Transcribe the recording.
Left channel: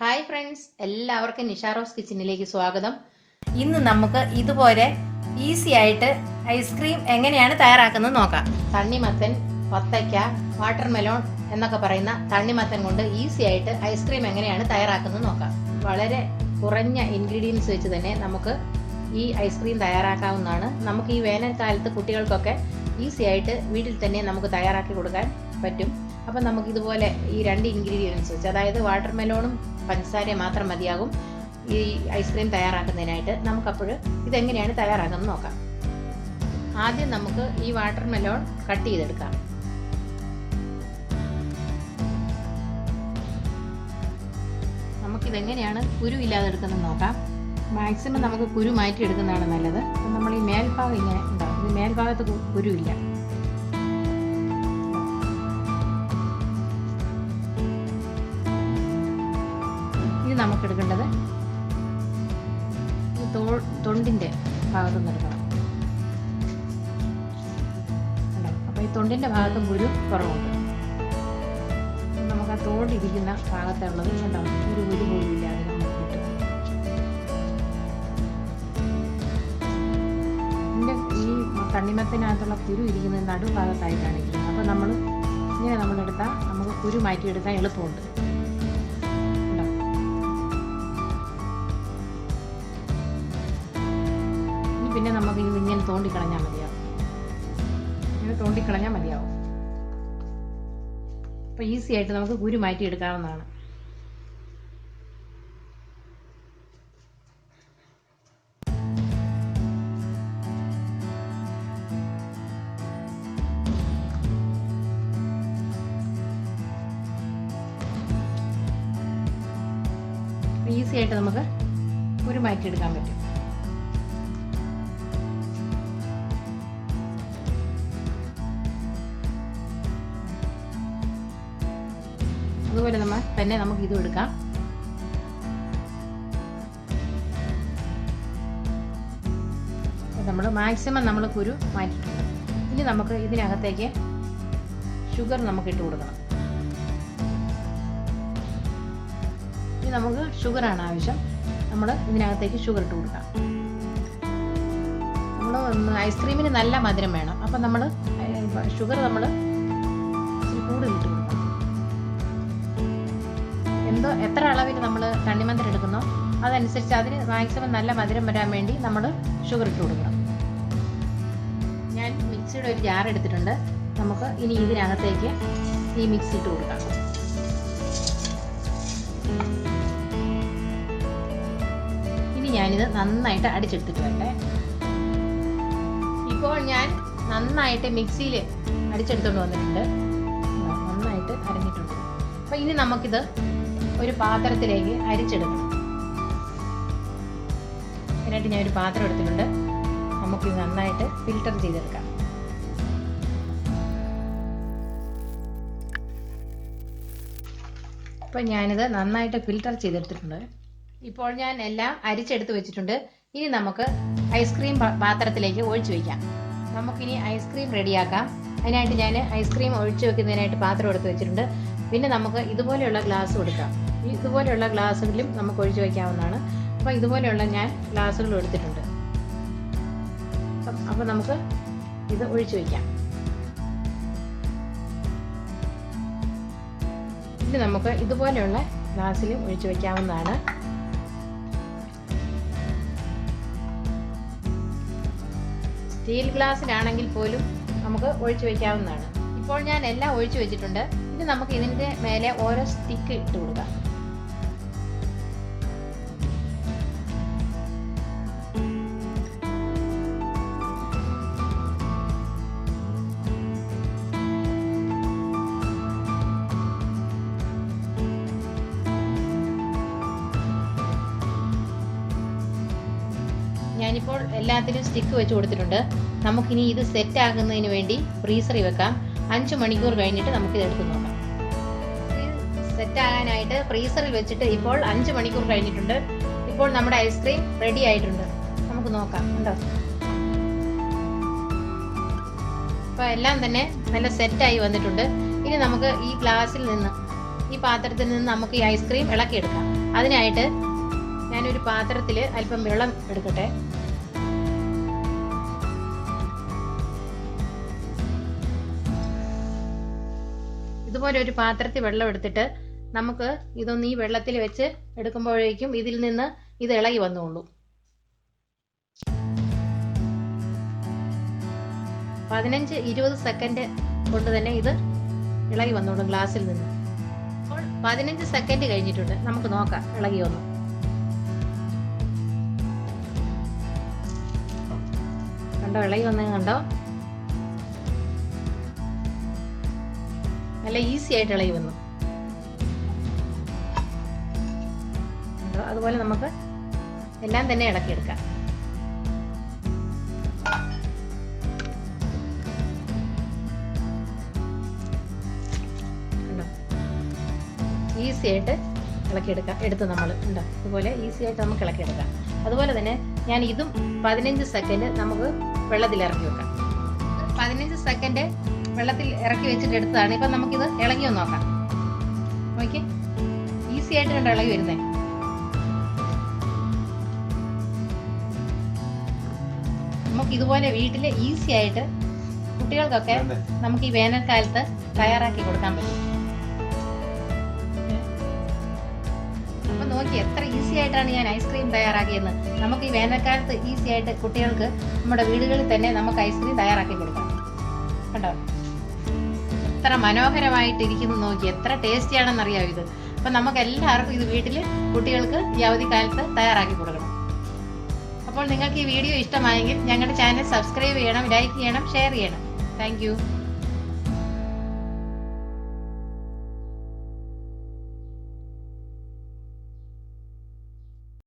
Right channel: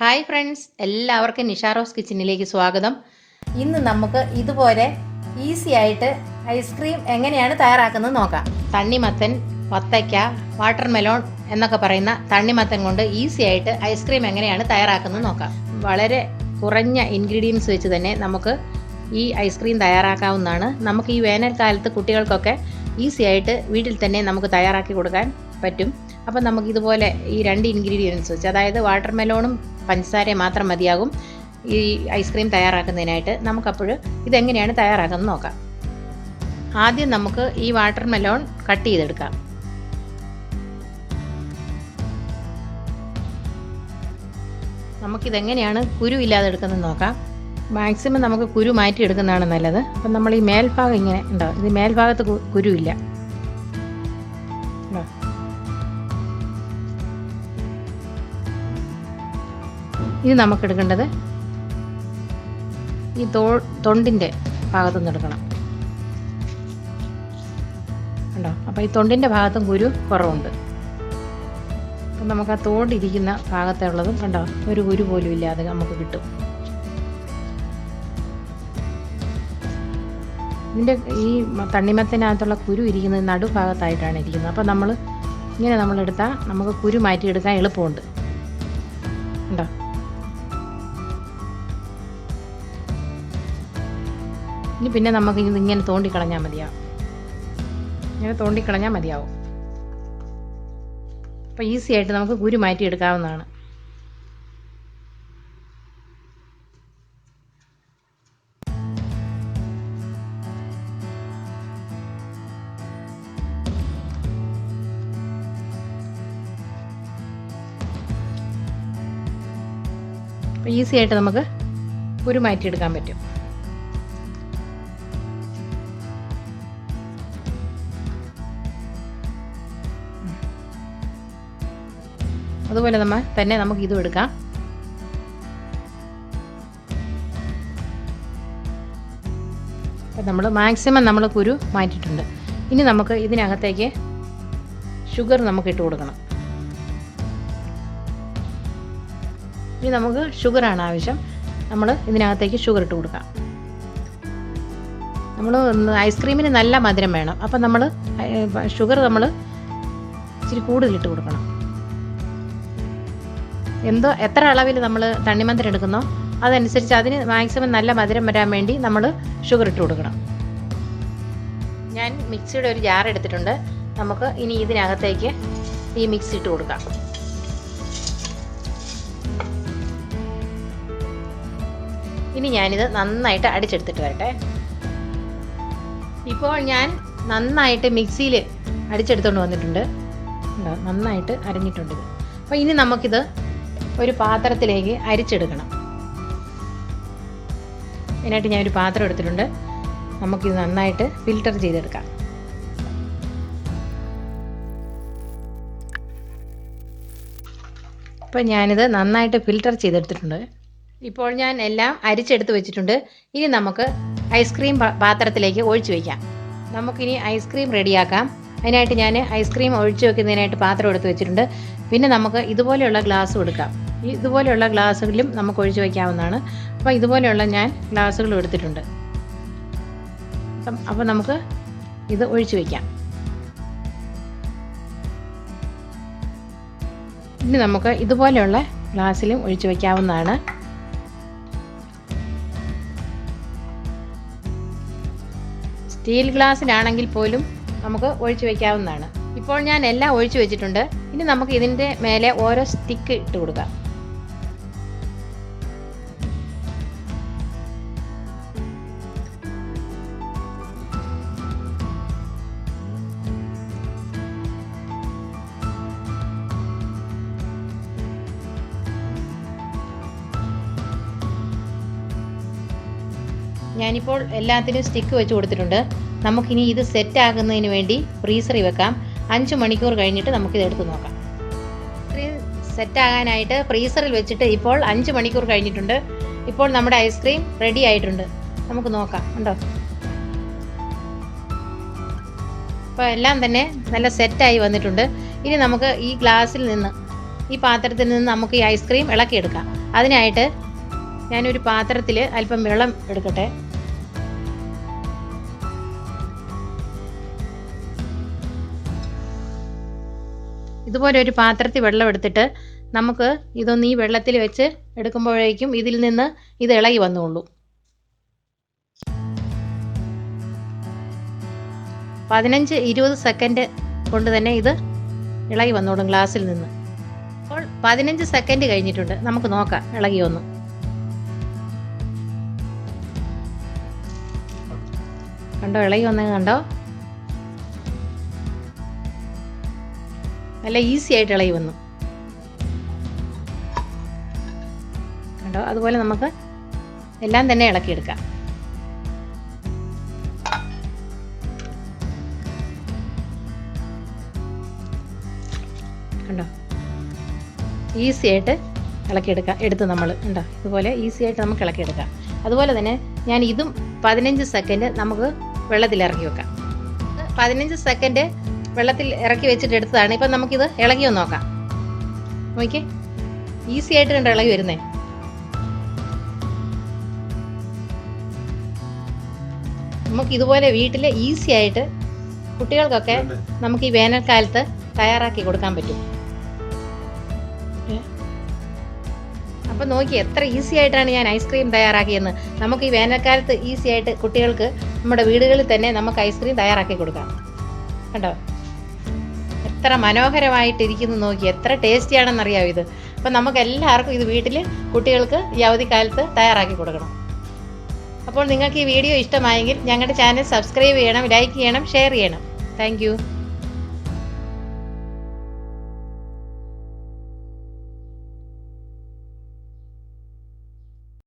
Hi friends, എല്ലാവർക്കും Nisha rose കിച്ചണിലേക്ക് സ്വാഗതം. ഇന്ന് നമുക്ക് ഇതുപോലെ ഈസി ആയിട്ട് ഐസ്ക്രീം എങ്ങനെയാണ് തയ്യാറാക്കുന്നത് നോക്കാം. തണ്ണിമത്തൻ, വത്തയ്ക്ക, വാട്ടർമെലോൺ എന്നൊക്കെ പറയുന്ന തണ്ണിമത്തൻ കൊണ്ട് ഈസി ആയിട്ട് ഐസ്ക്രീം എങ്ങനെയാണ് തയ്യാറാക്കുന്നത് നോക്കാം. വളരെ കുറഞ്ഞ ഇൻഗ്രീഡിയൻസ് വെച്ച് തന്നെ നമുക്ക് ഈ ഐസ്ക്രീം തയ്യാറാക്കാവുന്നതാണ്. നമുക്ക് ഈ വേനൽക്കാലത്ത് കുട്ടികൾക്കൊക്കെ ഈസി ആയിട്ട് വീട്ടിൽ തന്നെ നമുക്ക് തയ്യാറാക്കി കൊടുക്കാൻ പറ്റും. അപ്പം നമുക്ക് ഇതുപോലെ ഈ രണ്ട് ഇൻഗ്രീഡിയൻസ് വെച്ച്, അതായത് വാട്ടർമെലോണും പഞ്ചസാരയും മാത്രം മതിയാകും ഈ ഐസ്ക്രീം തയ്യാറാക്കുന്നതിനായിട്ട്. നമുക്കപ്പോൾ ഇതെങ്ങനെയാണ് തയ്യാറാക്കുന്നത് നോക്കാം. ആദ്യം നമുക്ക് ഈ വാട്ടർമെലോൺ കട്ട് ചെയ്തെടുക്കാം. നമുക്കിതെങ്ങനെയാണ് കുരു ഇല്ലാതെ എടുക്കുന്നത് നോക്കാം. മാക്സിമം നമുക്ക് കുരു മാറ്റി എടുക്കുന്നതാണ് നല്ലത്. അപ്പം നമ്മൾ ഈ മേൽഭാഗം ഇങ്ങനെ ഉണ്ടാവും, ഇത് മേൽഭാഗത്ത് കുരുവില്ല. ഇത് നമുക്കെടുക്കേണ്ടത് ഈ തൊണ്ടിൻ്റെ ഭാഗത്തുനിന്ന് എടുക്കണം. ഉണ്ടോ? അപ്പോൾ ഈ തൊണ്ടിൻ്റെ ഭാഗത്തും കുരു കുറവുണ്ട്. നമുക്ക് ആ തോണ്ടിരിക്കുന്ന ഭാഗത്തുള്ളതും കണ്ടോ, ഒരു കുരു പോലും ഇല്ലാതെ നമുക്ക് കിട്ടും. ഇതിൻ്റെ ഈ തണ്ണിമത്തനകത്തുള്ള കുരു ഇരിക്കുന്നത് നടുഭാഗത്തായിട്ടാണ് ഇരിക്കുന്നത്. അപ്പോൾ ഇങ്ങനെ നമ്മളെടുത്താൽ നമുക്ക് കുരു മാറ്റിയെടുക്കാൻ എളുപ്പമുണ്ട്. ഉണ്ടോ? ഇനി പിന്നെ നമുക്ക് ഇങ്ങനെ തോണ്ടിക്കളഞ്ഞാൽ മതിയാവും. ഇങ്ങനെ തോണ്ടിക്കളഞ്ഞാൽ മതിയാവും. അപ്പോൾ ഈസി ആയിട്ട് നമുക്ക് കുരു മാറ്റിയെടുക്കാവുന്നതാണ്. ഈസി ആയിട്ട് നമുക്ക് കുരു മാറ്റിയെടുക്കാൻ പറ്റും. അതുപോലെ തന്നെ നമുക്ക് ഇതും എടുക്കാം. നമ്മൾ മാക്സിമം നമ്മൾ കുരു മാറ്റിയിട്ടുണ്ട്. ഇനി നമുക്ക് ഇതിനകത്തേക്ക് ഷുഗർ നമുക്ക് ഇട്ട് കൊടുക്കണം. ഇനി നമുക്ക് ഷുഗറാണ് ആവശ്യം. നമ്മൾ ഇതിനകത്തേക്ക് ഷുഗർ ഇട്ട് കൊടുക്കാം. നമ്മൾ ഐസ്ക്രീമിന് നല്ല മധുരം വേണം. അപ്പം നമ്മൾ ഷുഗർ നമ്മൾ ഇച്ചിരി കൂടുതലിട്ട് കൊടുക്കണം. എത്ര അളവിൽ നമ്മൾ തണ്ണിമത്തൻ എടുക്കുന്നോ അതനുസരിച്ച് അതിന് മാക്സിമം നല്ല മധുരം വരാൻ വേണ്ടി നമ്മൾ ഷുഗർ ഇട്ട് കൊടുക്കണം. ഞാൻ മിക്സിയുടെ ഒരു ജാർ എടുത്തിട്ടുണ്ട്. നമുക്ക് ഇനി ഇതിനകത്തേക്ക് ഈ മിക്സ് ഇട്ട് കൊടുക്കാം. ഇനി ഞാനിത് നന്നായിട്ട് അടിച്ചെടുത്തിട്ട് വരട്ടെ. ഇപ്പോൾ ഞാൻ നന്നായിട്ട് മിക്സിയിൽ അടിച്ചെടുത്തുകൊണ്ട് വന്നിട്ടുണ്ട്. നന്നായിട്ട് അരിഞ്ഞിട്ടുണ്ട്. അപ്പോൾ ഇനി നമുക്കിത് ഒരു പാത്രത്തിലേക്ക് അരിച്ചെടുക്കണം. അതിനായിട്ട് ഞാനൊരു പാത്രം എടുത്തിട്ടുണ്ട്. നമുക്കിത് നന്നായിട്ട് ഫിൽറ്റർ ചെയ്തെടുക്കാം. ഇപ്പോൾ ഞാനിത് നന്നായിട്ട് ഫിൽറ്റർ ചെയ്തെടുത്തിട്ടുണ്ട്. ഇപ്പോൾ ഞാൻ എല്ലാം അരിച്ചെടുത്ത് വെച്ചിട്ടുണ്ട്. ഇനി നമുക്ക് ഐസ്ക്രീം പാത്രത്തിലേക്ക് ഒഴിച്ചു വയ്ക്കാം. നമുക്കിനി ഐസ്ക്രീം റെഡിയാക്കാം. അതിനായിട്ട് ഞാൻ ഐസ്ക്രീം ഒഴിച്ചു വെക്കുന്നതിനായിട്ട് പാത്രം എടുത്ത് വെച്ചിട്ടുണ്ട്. പിന്നെ നമുക്ക് ഇതുപോലെയുള്ള ഗ്ലാസ്സും എടുക്കാം. ഇതുപോലെയുള്ള ഗ്ലാസ്സുകളിലും നമുക്ക് ഒഴിച്ചു വയ്ക്കാവുന്നതാണ്. അപ്പോൾ ഇതുപോലെയുള്ള ഞാൻ ഗ്ലാസ്സുകളും എടുത്തിട്ടുണ്ട്. അപ്പോൾ നമുക്ക് ഇത് ഒഴിച്ചു വയ്ക്കാം. ഇനി നമുക്ക് ഇതുപോലെയുള്ള ഗ്ലാസ്സിലും ഒഴിച്ചു വയ്ക്കാവുന്നതാണ്. സ്റ്റീൽ ഗ്ലാസ്സിലാണെങ്കിൽ പോലും നമുക്ക് ഒഴിച്ചു വയ്ക്കാവുന്നതാണ്. ഇപ്പോൾ ഞാൻ എല്ലാം ഒഴിച്ചു വെച്ചിട്ടുണ്ട്. ഇനി നമുക്ക് ഇതിൻ്റെ മേലെ ഓരോ സ്റ്റിക്ക് ഇട്ട് കൊടുക്കാം. ഞാനിപ്പോൾ എല്ലാത്തിനും സ്റ്റിക്ക് വെച്ച് കൊടുത്തിട്ടുണ്ട്. നമുക്കിനി ഇത് സെറ്റ് ആകുന്നതിന് വേണ്ടി ഫ്രീസറിൽ വെക്കാം. 5 മണിക്കൂർ കഴിഞ്ഞിട്ട് നമുക്കിത് എടുത്ത് നോക്കാം. സെറ്റ് ആകാനായിട്ട് ഫ്രീസറിൽ വെച്ചിട്ട് ഇപ്പോൾ 5 മണിക്കൂർ കഴിഞ്ഞിട്ടുണ്ട്. ഇപ്പോൾ നമ്മുടെ ഐസ്ക്രീം റെഡി ആയിട്ടുണ്ട്. നമുക്ക് നോക്കാം. ഉണ്ടോ? അപ്പോൾ എല്ലാം തന്നെ നല്ല സെറ്റായി വന്നിട്ടുണ്ട്. ഇനി നമുക്ക് ഈ ഗ്ലാസ്സിൽ നിന്ന് ഈ പാത്രത്തിൽ നിന്ന് നമുക്ക് ഈ ഐസ്ക്രീം ഇളക്കിയെടുക്കാം. അതിനായിട്ട് ഞാനൊരു പാത്രത്തിൽ അല്പം വെള്ളം എടുക്കട്ടെ. ഇതുപോലെ ഒരു പാത്രത്തിൽ വെള്ളം എടുത്തിട്ട് നമുക്ക് ഇതൊന്ന് ഈ വെള്ളത്തിൽ വെച്ച് എടുക്കുമ്പോഴേക്കും ഇതിൽ നിന്ന് ഇത് ഇളകി വന്നുകൊള്ളൂ. 15-20 സെക്കൻഡ് കൊണ്ട് തന്നെ ഇത് ഇളകി വന്നോളും ഗ്ലാസ്സിൽ നിന്ന്. അപ്പോൾ 15 സെക്കൻഡ് കഴിഞ്ഞിട്ടുണ്ട്. നമുക്ക് നോക്കാം ഇളകി വന്നു. കണ്ടോ, ഇളകി വന്നത് കണ്ടോ? നല്ല ഈസി ആയിട്ട് ഇളകി വന്നു കണ്ടോ. അതുപോലെ നമുക്ക് എല്ലാം തന്നെ ഇളക്കിയെടുക്കാം. കണ്ടോ, ഈസി ആയിട്ട് ഇളക്കിയെടുക്കാം. നമ്മൾ ഉണ്ടോ, ഇതുപോലെ ഈസി ആയിട്ട് നമുക്ക് ഇളക്കിയെടുക്കാം. അതുപോലെ തന്നെ ഞാൻ ഇതും 15 സെക്കൻഡ് നമുക്ക് വെള്ളത്തിൽ ഇറക്കി വെക്കാം. 15 സെക്കൻഡ് വെള്ളത്തിൽ ഇറക്കി വെച്ചിട്ട് എടുത്തതാണ്. ഇപ്പം നമുക്കിത് ഇളകി ഒന്ന് നോക്കാം. നോക്കിയേ, ഈസി ആയിട്ട് കണ്ടോ ഇളകി വരുന്നേ. നമുക്ക് ഇതുപോലെ വീട്ടിൽ ഈസി ആയിട്ട് കുട്ടികൾക്കൊക്കെ നമുക്ക് ഈ വേനൽക്കാലത്ത് തയ്യാറാക്കി കൊടുക്കാൻ പറ്റും. അപ്പം നോക്കി എത്ര ഈസി ആയിട്ടാണ് ഞാൻ ഐസ്ക്രീം തയ്യാറാക്കിയെന്ന്. നമുക്ക് ഈ വേനൽക്കാലത്ത് ഈസി ആയിട്ട് കുട്ടികൾക്ക് നമ്മുടെ വീടുകളിൽ തന്നെ നമുക്ക് ഐസ്ക്രീം തയ്യാറാക്കി കൊടുക്കാം. കണ്ടോ, എത്ര മനോഹരമായിട്ടിരിക്കുന്നു നോക്കി. എത്ര ടേസ്റ്റിയാണെന്നറിയാമോ ഇത്. അപ്പം നമുക്ക് എല്ലാവർക്കും ഇത് വീട്ടിൽ കുട്ടികൾക്ക് ഈ അവധിക്കാലത്ത് തയ്യാറാക്കി കൊടുക്കണം. അപ്പോൾ നിങ്ങൾക്ക് ഈ വീഡിയോ ഇഷ്ടമായെങ്കിൽ ഞങ്ങളുടെ ചാനൽ സബ്സ്ക്രൈബ് ചെയ്യണം, ലൈക്ക് ചെയ്യണം, ഷെയർ ചെയ്യണം. താങ്ക്